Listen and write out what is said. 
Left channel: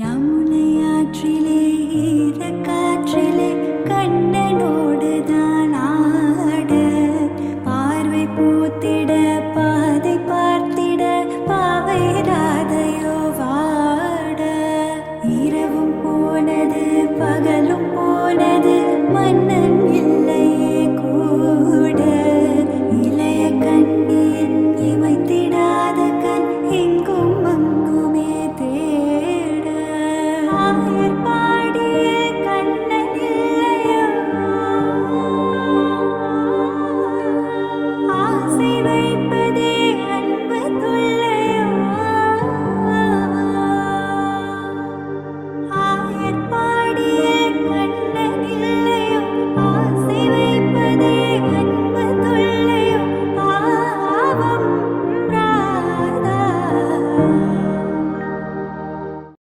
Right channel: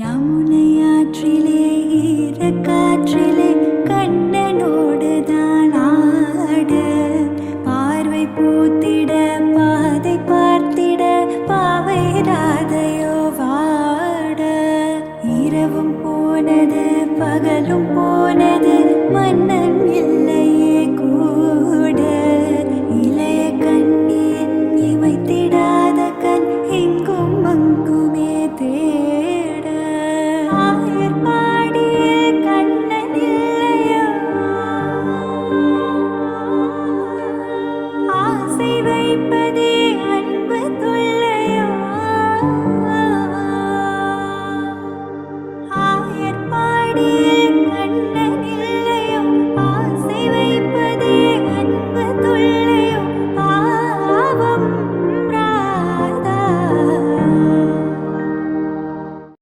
யமுனையாற்றிலே ஈரக்காற்றிலே கண்ணனோடுதான் ஆட பார்வை பூத்திட பாதை பார்த்திட பாவை ராதையோ வாட இரவும் போனது பகலும் போனது மன்னன் இல்லை